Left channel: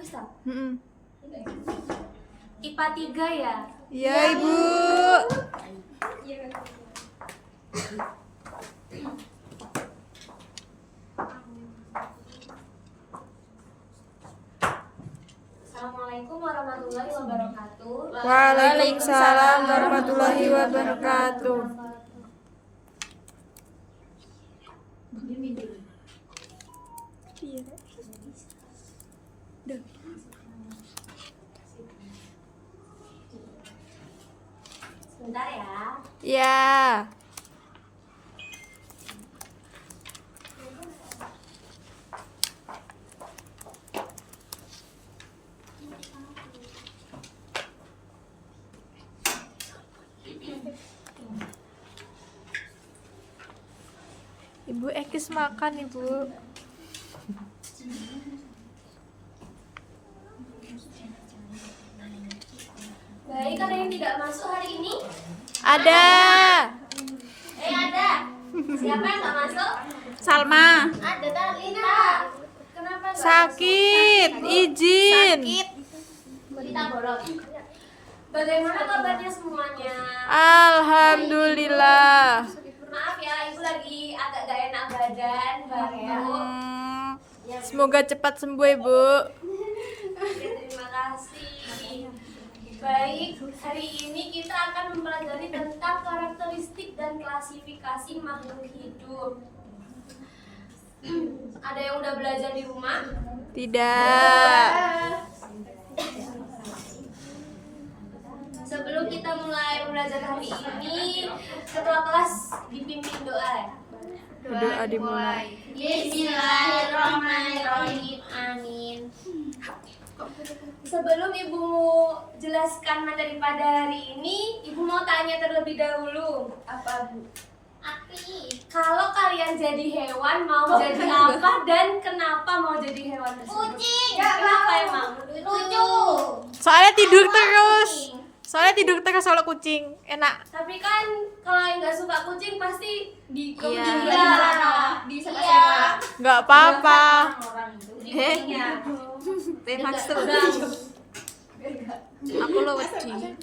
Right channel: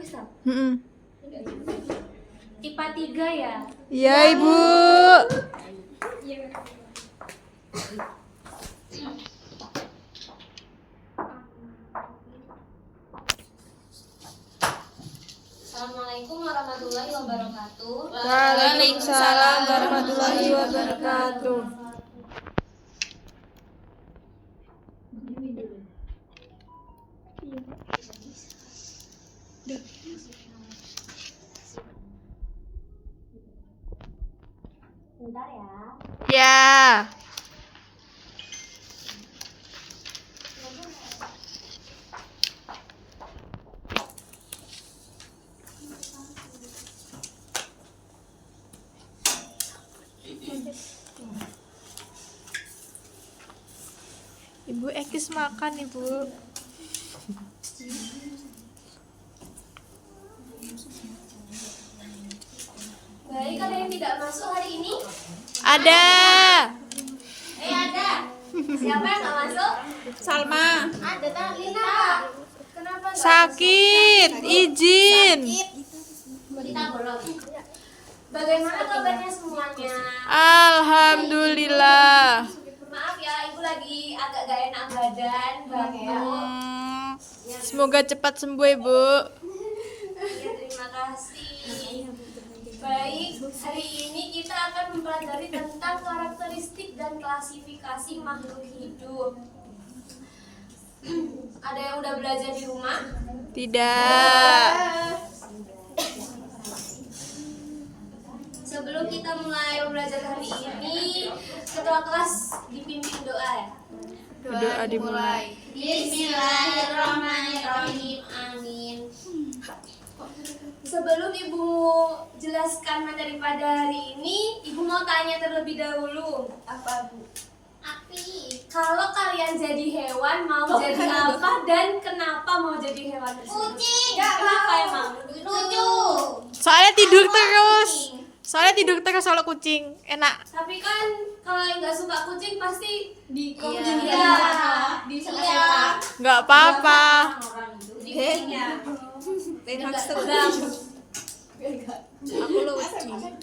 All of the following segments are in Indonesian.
IPA 3 ya? Iya, Ibu. Assalamualaikum warahmatullahi wabarakatuh. Waalaikumsalam warahmatullahi wabarakatuh. Sebentar ya. Ya. Ibu Ekis makan, Ibu. Baik, ada yang tidak masuk hari ini? Ada. Ada. Siapa yang nggak masuk? Salma. Ada kan Lina. Kenapa nggak Sakit, izin. masuk? Kita bolong. Bagaimana kabarnya semuanya? Alhamdulillah. Maaf ya, ibu lagi agak gak enak badan, Bang ya. Semoga cepat sembuh, Ibu. Ya, terima kasih. Baik, hari ini kita akan mempelajari tentang karakteristik dan klasifikasi makhluk hidup. Ada yang udah belajar di rumah? Tidak. Sebelum kita mulai belajar hari ini, ketua kelas dipimpin doa ya. Doa dimulai. Bismillahirrahmanirrahim. Amin. Sebelum ibu jelaskan materi pada hari ini, ibu mau tanya terlebih dahulu. Apa, Bu? Api. Kalau kalian jadi hewan, mau jadi apa dan kenapa mau jadi hewan tersebut? Kucing. Kenapa emang? Lucu. Soalnya tidur terus. Soalnya kucing. Enak. Tapi kan kalau yang nggak suka kucing pasti di Nggak apa-apa. Iya. Aku lo kucing.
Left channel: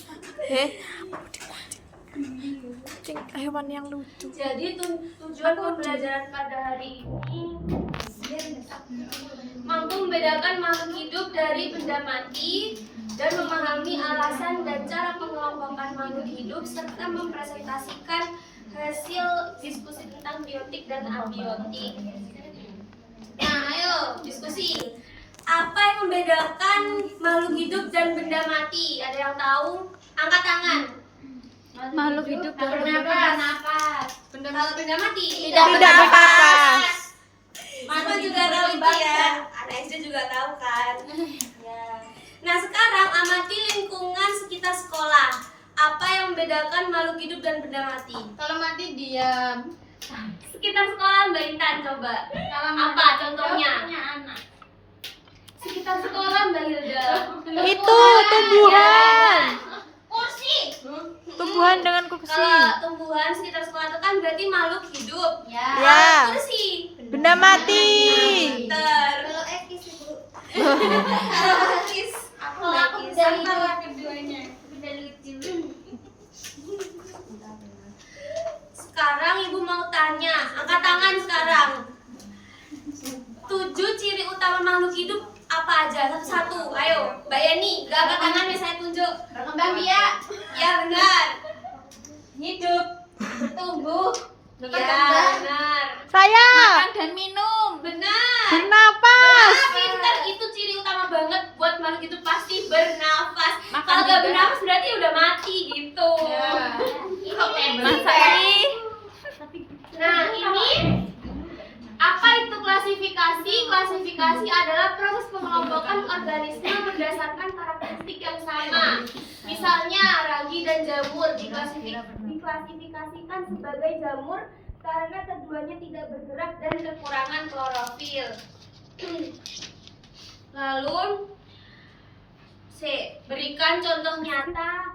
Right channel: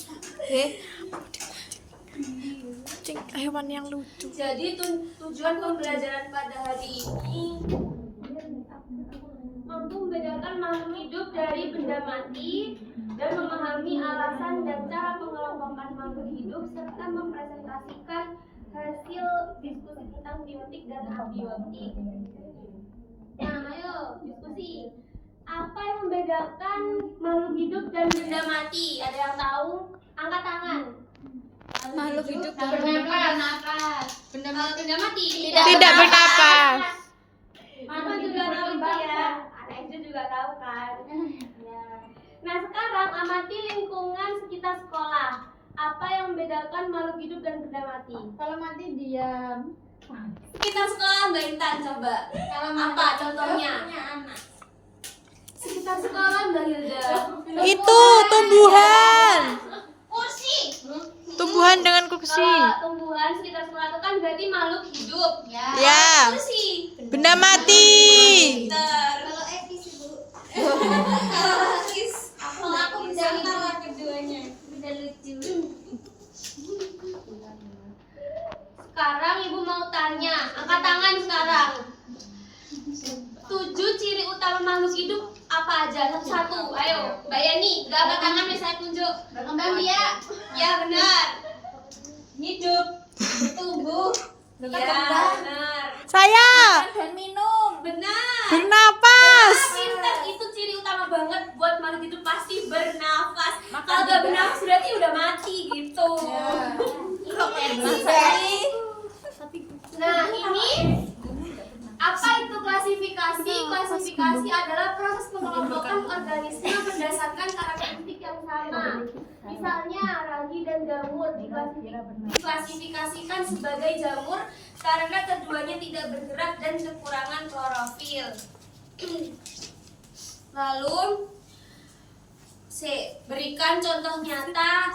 Kucing hewan yang lucu. Jadi tujuan pembelajaran pada hari ini mampu membedakan makhluk hidup dari benda mati dan memahami alasan dan cara pengelompokan makhluk hidup serta mempresentasikan hasil diskusi tentang biotik dan abiotik. Nah, ayo diskusi. Apa yang membedakan makhluk hidup dan benda mati? Ada yang tahu? Angkat tangan. Makhluk hidup dan Bernapas. Kalau benda mati tidak bernapas. Mama juga tahu itu ya. Anak SD juga tahu kan. Ya. Nah, sekarang amati lingkungan sekitar sekolah. Apa yang membedakan makhluk hidup dan benda mati? Kalau mati diam. Sekitar sekolah Mbak Intan coba. Apa contohnya? Sekitar sekolah Mbak Hilda. Itu tumbuhan. Kursi. Tumbuhan dengan kursi. Kalau tumbuhan sekitar sekolah itu kan berarti makhluk hidup. Ya. Kursi. Benda mati. Pinter. Kalau Ekis Ibu. Kalau Ekis. Kalau aku benda hidup. Keduanya. Benda lucu. Sekarang ibu mau tanya, angkat tangan sekarang. 7 ciri utama makhluk hidup apa aja? Satu-satu, ayo. Mbak Yani, gak angkat tangan nih, saya tunjuk. Berkembang biak. Ya benar. Hidup. Bertumbuh. Ya benar. Saya Dan minum. Benar. bernapas. Pintar, itu ciri utama banget buat makhluk hidup, pasti bernafas. Kalau gak bernafas berarti udah mati gitu. Ini teknik sekali. Nah, ini apa itu klasifikasi? Klasifikasi adalah proses pengelompokan organisme berdasarkan karakteristik yang sama. Misalnya, ragi dan jamur diklasifikasikan sebagai jamur karena keduanya tidak bergerak dan kekurangan klorofil. Lalu, berikan contoh nyata.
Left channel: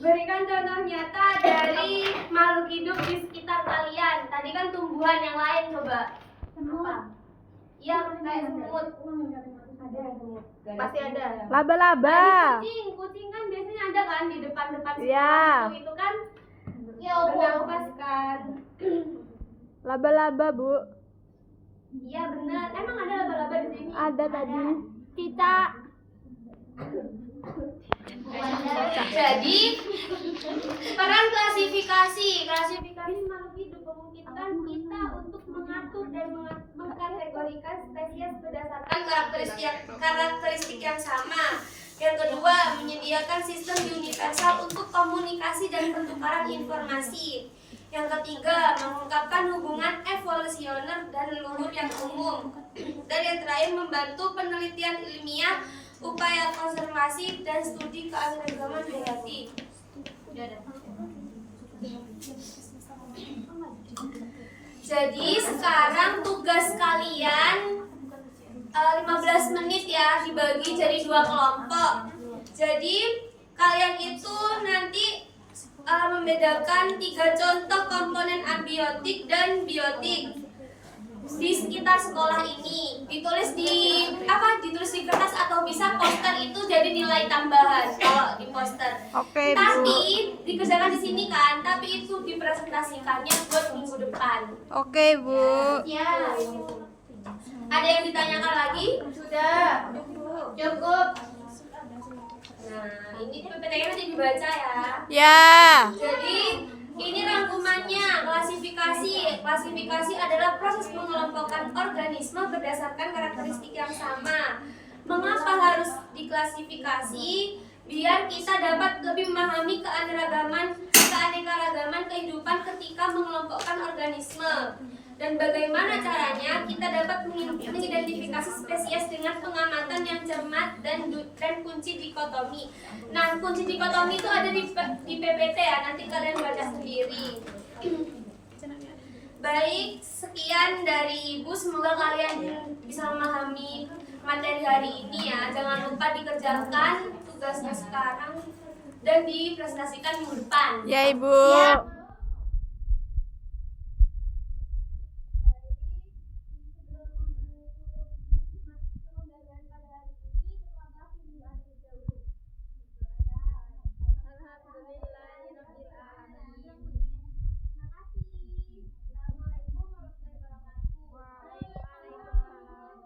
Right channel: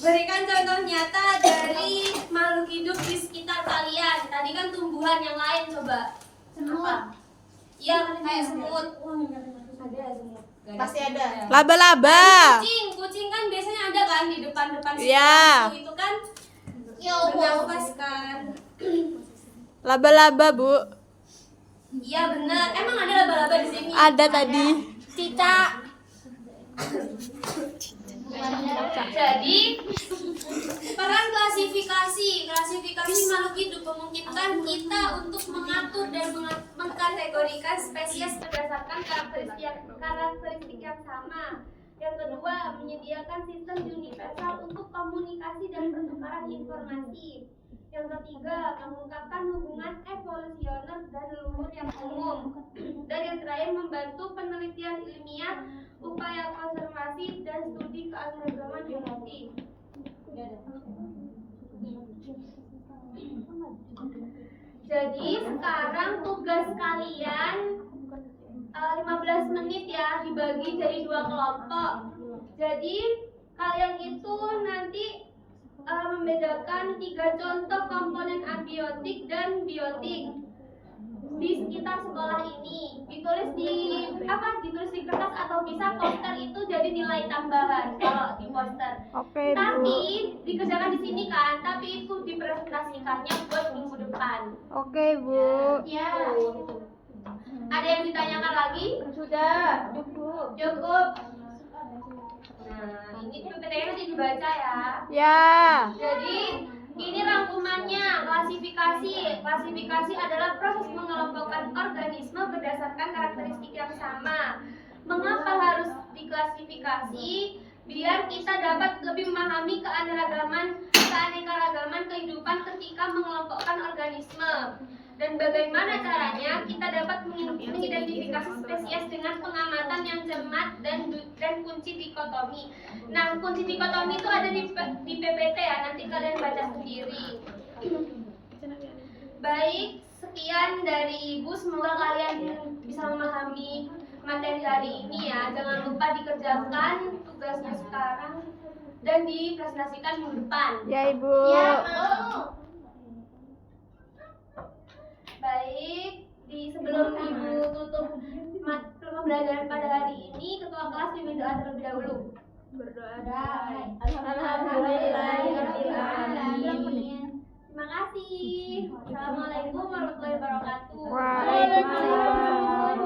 Berikan contoh nyata dari makhluk hidup di sekitar kalian. Tadi kan tumbuhan, yang lain coba. Semut. Apa? Iya, kayak semut. Ada semut. Pasti ada. Laba-laba. Kucing kan biasanya ada kan di depan-depan Iya. itu kan Ya Allah. bernafas kan. Laba-laba, Bu. Iya benar. Emang ada laba-laba di sini? Ada tadi. Cicak. Jadi peran klasifikasi makhluk hidup memungkinkan kita untuk mengatur dan mengkategorikan spesies berdasarkan karakteristik yang sama. Yang kedua, menyediakan sistem universal untuk komunikasi dan pertukaran informasi. Yang ketiga, mengungkapkan hubungan evolusioner dan leluhur yang umum. Dan yang terakhir, membantu penelitian ilmiah, upaya konservasi, dan studi keanekaragaman hayati. Jadi sekarang tugas kalian 15 menit ya, dibagi jadi 2 kelompok. Jadi kalian itu nanti membedakan 3 contoh komponen abiotik dan biotik di sekitar sekolah ini. Ditulis di kertas atau bisa poster itu jadi nilai tambahan kalau di poster. Oke, Bu. Tapi dikerjakan di sini kan, tapi itu dipresentasikannya buat minggu depan. Oke, Bu. Ya. Ada yang ditanyakan lagi? Sudah. Cukup. Nah, ini PPT-nya nanti dibaca ya. Ya. Jadi ini rangkumannya, klasifikasi. Klasifikasi adalah proses mengelompokkan organisme berdasarkan karakteristik yang sama. Mengapa harus diklasifikasi? Biar kita dapat lebih memahami keanekaragaman kehidupan ketika mengelompokkan organisme. Dan bagaimana caranya kita dapat mengidentifikasi spesies dengan pengamatan yang cermat dan kunci dikotomi. Nah, kunci dikotomi itu ada di PPT ya, nanti kalian baca sendiri. Baik, sekian dari Ibu, semoga kalian bisa memahami materi hari ini ya. Jangan lupa dikerjakan tugasnya sekarang dan dipresentasikan minggu depan. Ya, Ibu. Baik, sebelum Ibu tutup pembelajaran pada hari ini, ketua kelas pimpin doa terlebih dahulu. Berdoa. Alhamdulillahirobbilalamin. Terima kasih. Assalamualaikum warahmatullahi wabarakatuh. Waalaikumsalam.